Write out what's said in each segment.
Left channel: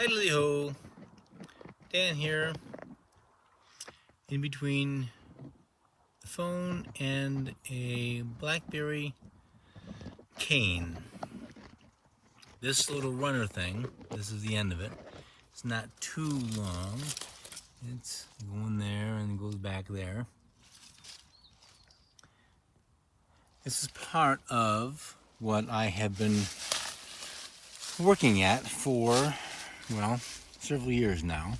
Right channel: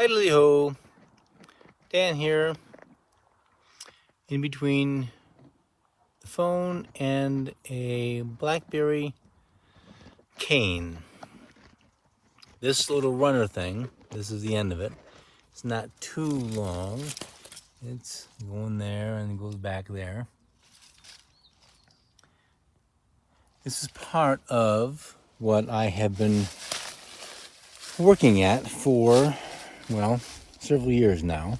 Idly ho, Dan here, in between the phone and a Blackberry cane. This little runner thing, this is the end of it. It's not too long. It's going there and goes back there. This is part of what I have been working at for, well, several years now,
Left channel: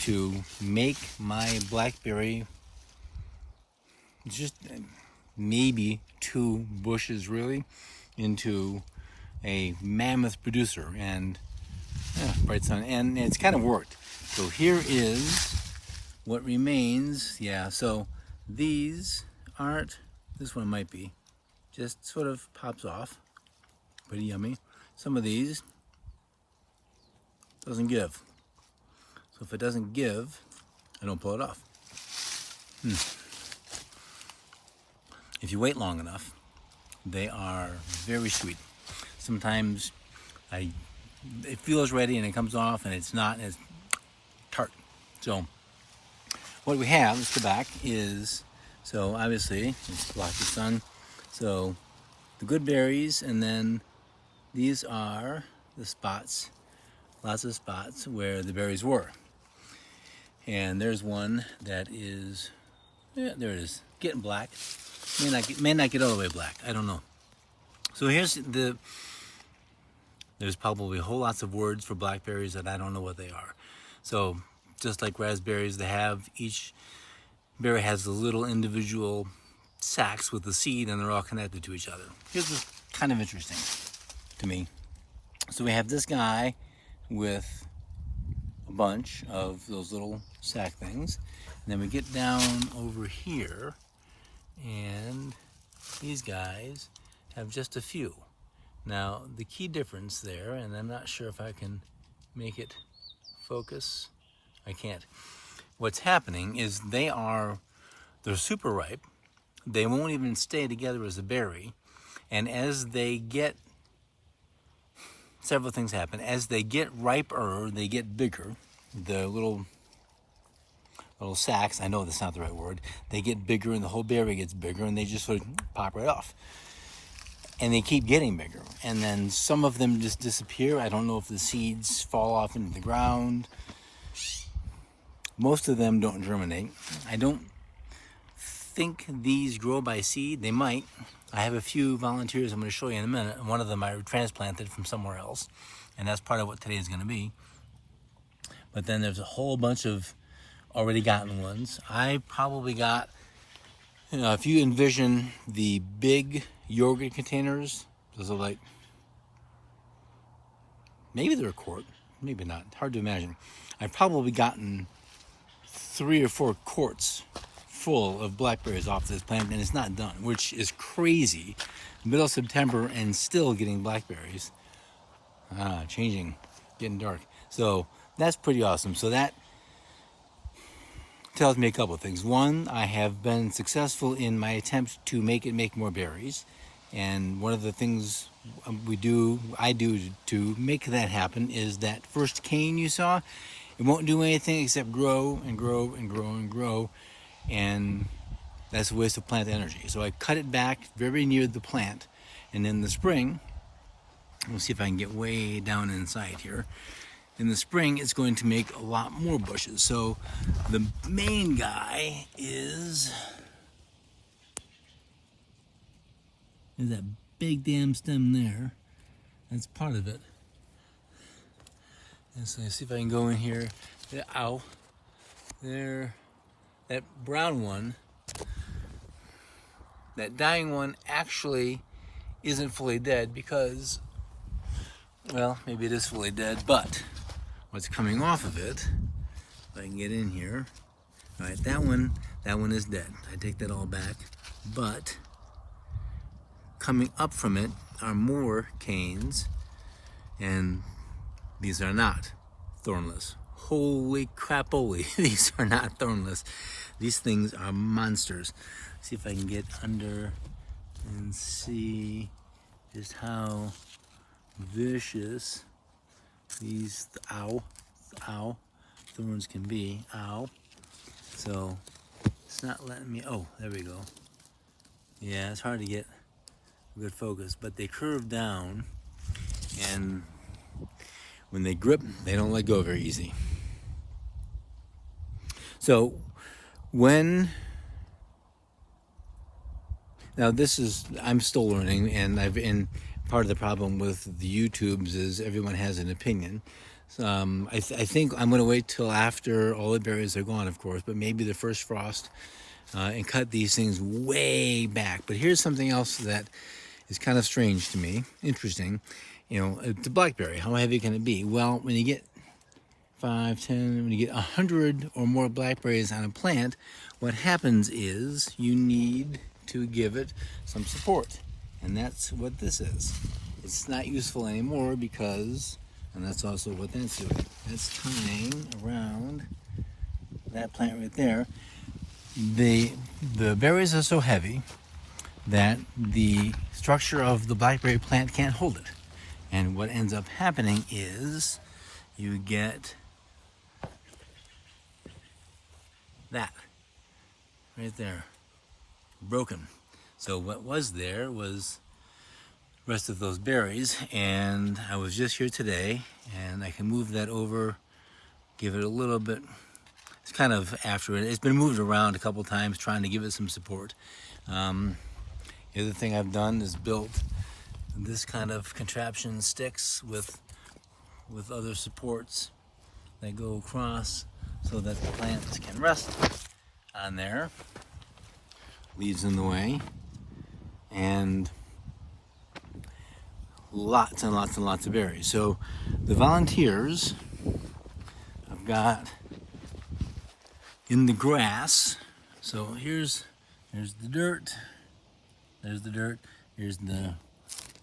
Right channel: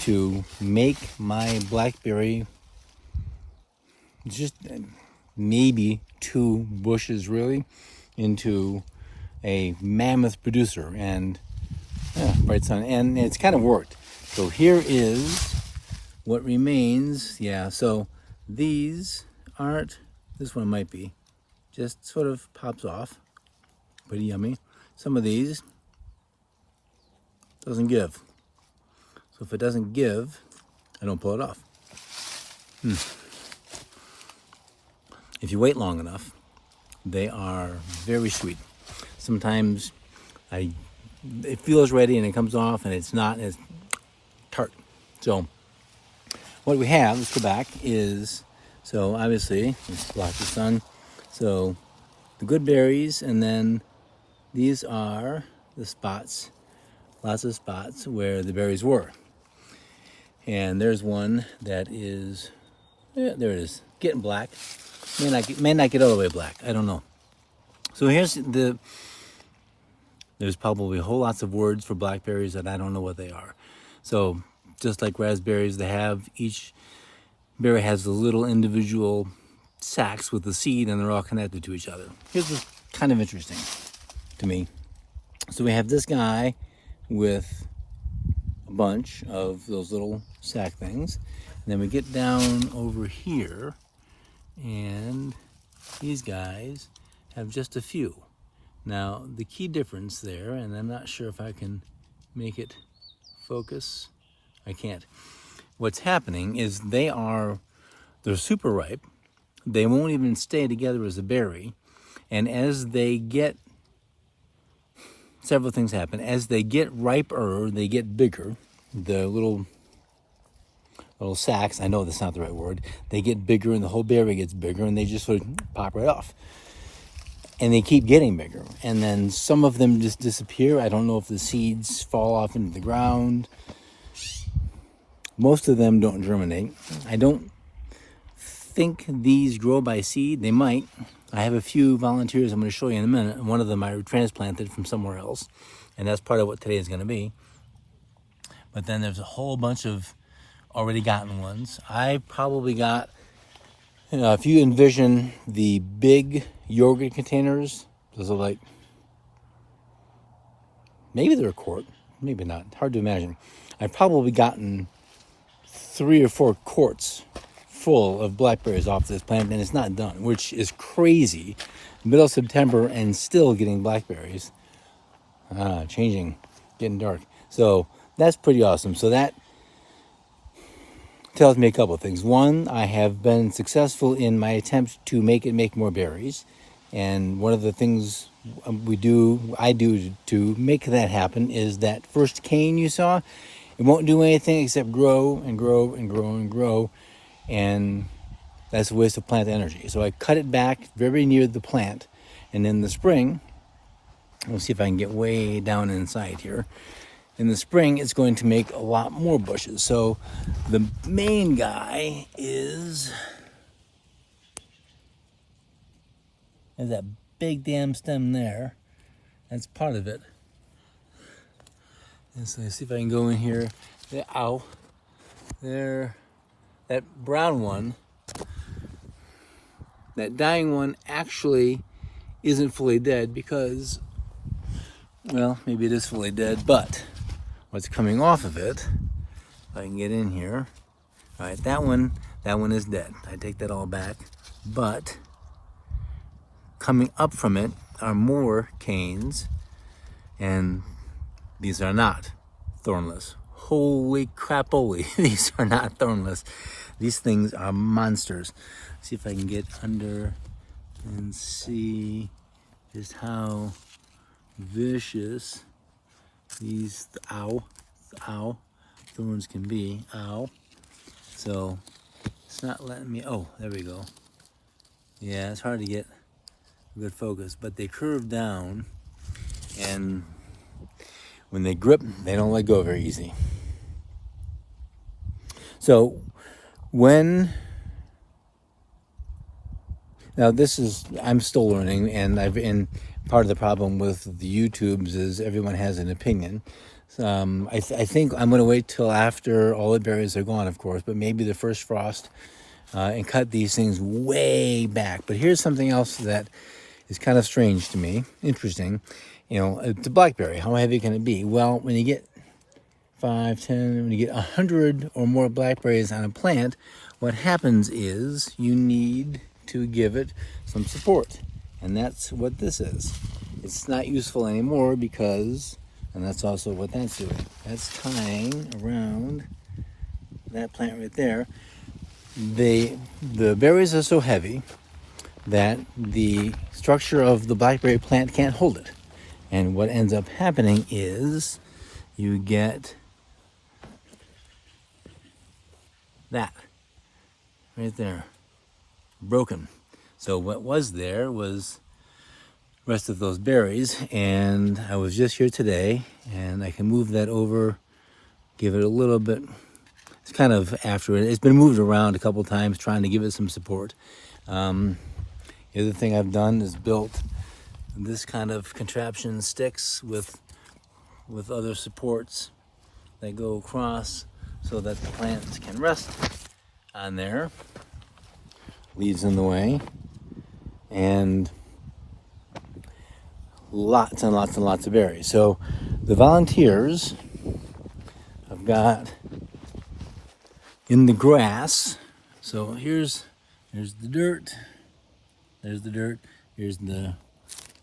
to make my Blackberry just maybe 2 bushes really into a mammoth producer. And yeah, bright sun, and it's kind of worked. So here is what remains. Yeah, so these aren't, this one might be, just sort of pops off, pretty yummy. Some of these doesn't give. So if it doesn't give, I don't pull it off. If you wait long enough, they are very sweet. Sometimes it feels ready and it comes off and it's not, and it's tart. So what we have, let's go back, is, so obviously it's block the sun. So the good berries, and then these are the spots, lots of spots where the berries were. And there's one that is, yeah, there it is, getting black. May not get all the way black, I don't know. So here's there's probably whole lots of words for blackberries that I don't know what they are. So just like raspberries, they have, each berry has the little individual sacs with the seed, and they're all connected to each other. Here's what's kind of interesting to me. So we have this guy with a bunch of those little sac things, and then we get down over here, and these guys have just a few. Now the key difference there, and I'm not sure if I can make it focus, I can't. What's happening is they're super ripe. They won't even stay together as a berry, and as they get, several things happen. As they get riper, they get bigger. The little sacs, I know that's not the right word, they get bigger and the whole berry gets bigger, and they just sort of pop right off. And they keep getting bigger. And then some of them just disappear. I don't know if the seeds fall off into the ground. Most of them don't germinate. I don't think these grow by seed. They might. I have a few volunteers I'm going to show you in a minute. One of them I transplanted from somewhere else, and that's part of what today is going to be. But then there's a whole bunch of already gotten ones. I probably got, if you envision the big yogurt containers, those are like, maybe they're a quart, maybe not, hard to imagine. I've probably gotten 3 or 4 quarts full of blackberries off this plant, and it's not done, which is crazy. Middle of September and still getting blackberries. Changing, getting dark. So that's pretty awesome. So that tells me a couple of things. One, I have been successful in my attempts to make more berries. And one of the things I do to make that happen is that first cane you saw, it won't do anything except grow and grow and grow and grow. And that's a waste of plant energy. So I cut it back very near the plant. And in the spring, we'll see if I can get way down inside here. In the spring, it's going to make a lot more bushes. So the main guy is that big damn stem there. That's part of it. And so let's see if I can go in here. Ow. There. That brown one, that dying one, actually isn't fully dead because, well, maybe it is fully dead, but what's coming off of it, if I can get in here, all right, that one is dead. I take that all back, but coming up from it are more canes, and these are not thornless. Holy crapoly, these are not thornless. These things are monsters. Let's see if I can get under and see just how vicious these, ow, thorns can be, ow. So it's not letting me, oh, there we go. Yeah, it's hard to get a good focus, but they curve down, and when they grip, they don't let go very easy. So now this is, I'm still learning, and part of the problem with the YouTubes is everyone has an opinion. I think I'm going to wait till after all the berries are gone, of course, but maybe the first frost, and cut these things way back. But here's something else that is kind of strange to me, interesting. You know, the blackberry, how heavy can it be? Well, when you get 5, 10, when you get 100 or more blackberries on a plant, what happens is you need to give it some support. And that's what this is. It's not useful anymore because, and that's also what that's doing. That's tying around that plant right there. The berries are so heavy that the structure of the blackberry plant can't hold it. And what ends up happening is you get that right there, broken. So what was there was the rest of those berries, and I was just here today, and I can move that over, give it a little bit. It's kind of after it. It's been moved around a couple times trying to give it some support. The other thing I've done is built this kind of contraption, sticks with other supports that go across so that the plants can rest on there. Leaves in the way, and lots and lots and lots of berries. So the volunteers I've got in the grass. So here's the dirt. There's the dirt. Here's the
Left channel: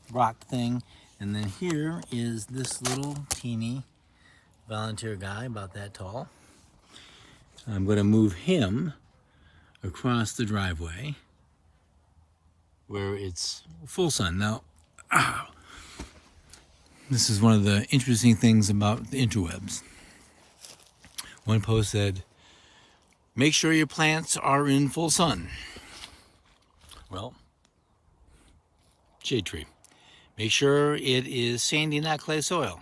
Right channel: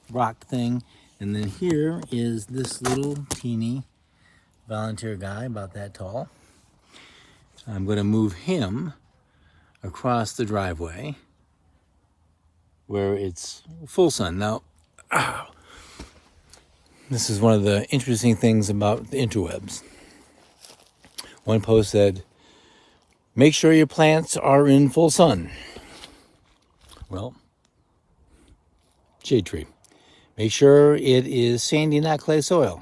rock thing. And then here is this little teeny volunteer guy about that tall. I'm going to move him across the driveway where it's full sun. Now, this is one of the interesting things about the interwebs. One post said, make sure your plants are in full sun. Well, shade tree. Make sure it is sandy, not clay soil.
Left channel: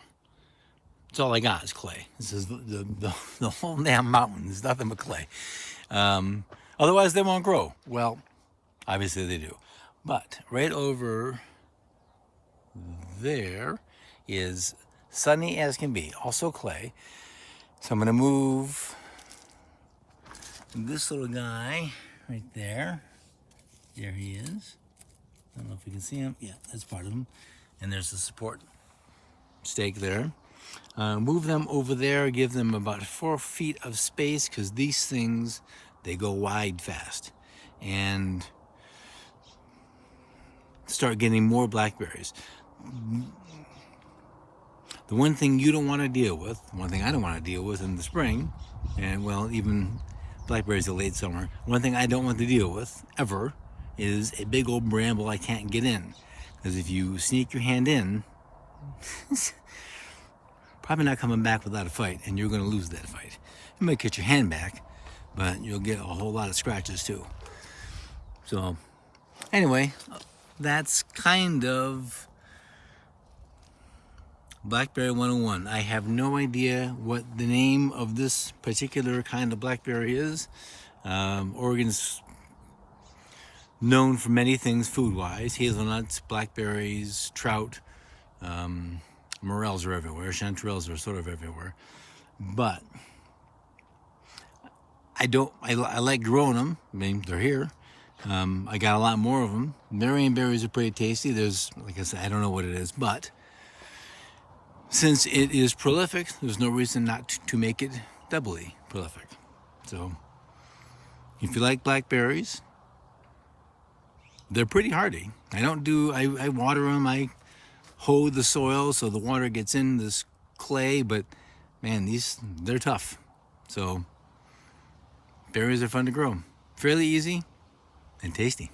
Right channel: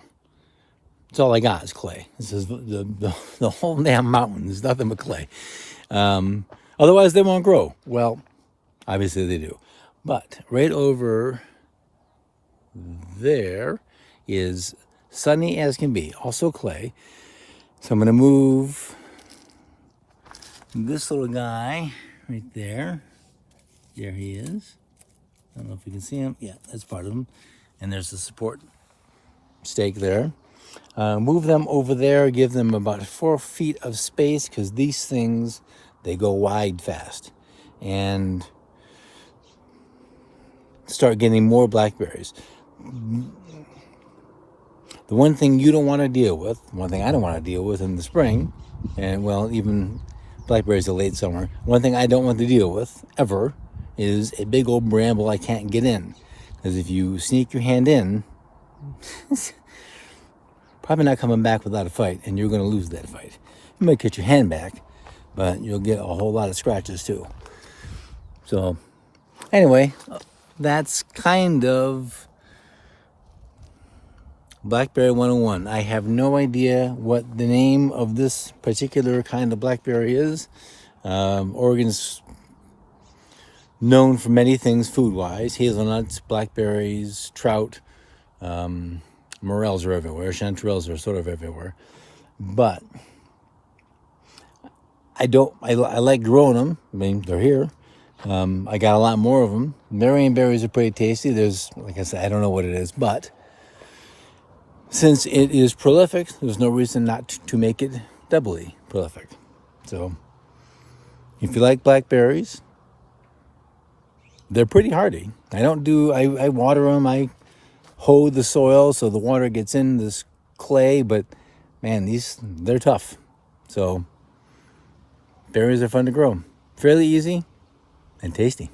That's all I got is clay. This is the whole damn mountain. There's nothing but clay. Otherwise, they won't grow. Well, obviously they do. But right over there is sunny as can be, also clay. So I'm going to move this little guy right there. There he is. I don't know if you can see him. Yeah, that's part of him. And there's the support stake there. Move them over there, give them about 4 feet of space, because these things, they go wide fast. And start getting more blackberries. The one thing you don't want to deal with, one thing I don't want to deal with in the spring, and well, even blackberries are late summer, one thing I don't want to deal with ever is a big old bramble I can't get in. Because if you sneak your hand in, probably not coming back without a fight, and you're going to lose that fight. You might get your hand back, but you'll get a whole lot of scratches too. So anyway, that's kind of Blackberry 101. I have no idea what the name of this particular kind of blackberry is. Oregon's known for many things food-wise. Hazelnuts, blackberries, trout, morels are everywhere. Chanterelles are sort of everywhere. But I like growing them. I mean, they're here. I got a lot more of them. Marion berries are pretty tasty. There's, like I said, I don't know what it is, but since it is prolific, there's no reason not to make it doubly prolific. So if you like blackberries, they're pretty hardy. I water them. I hoe the soil so the water gets in this clay, but man, they're tough. So berries are fun to grow. Fairly easy and tasty.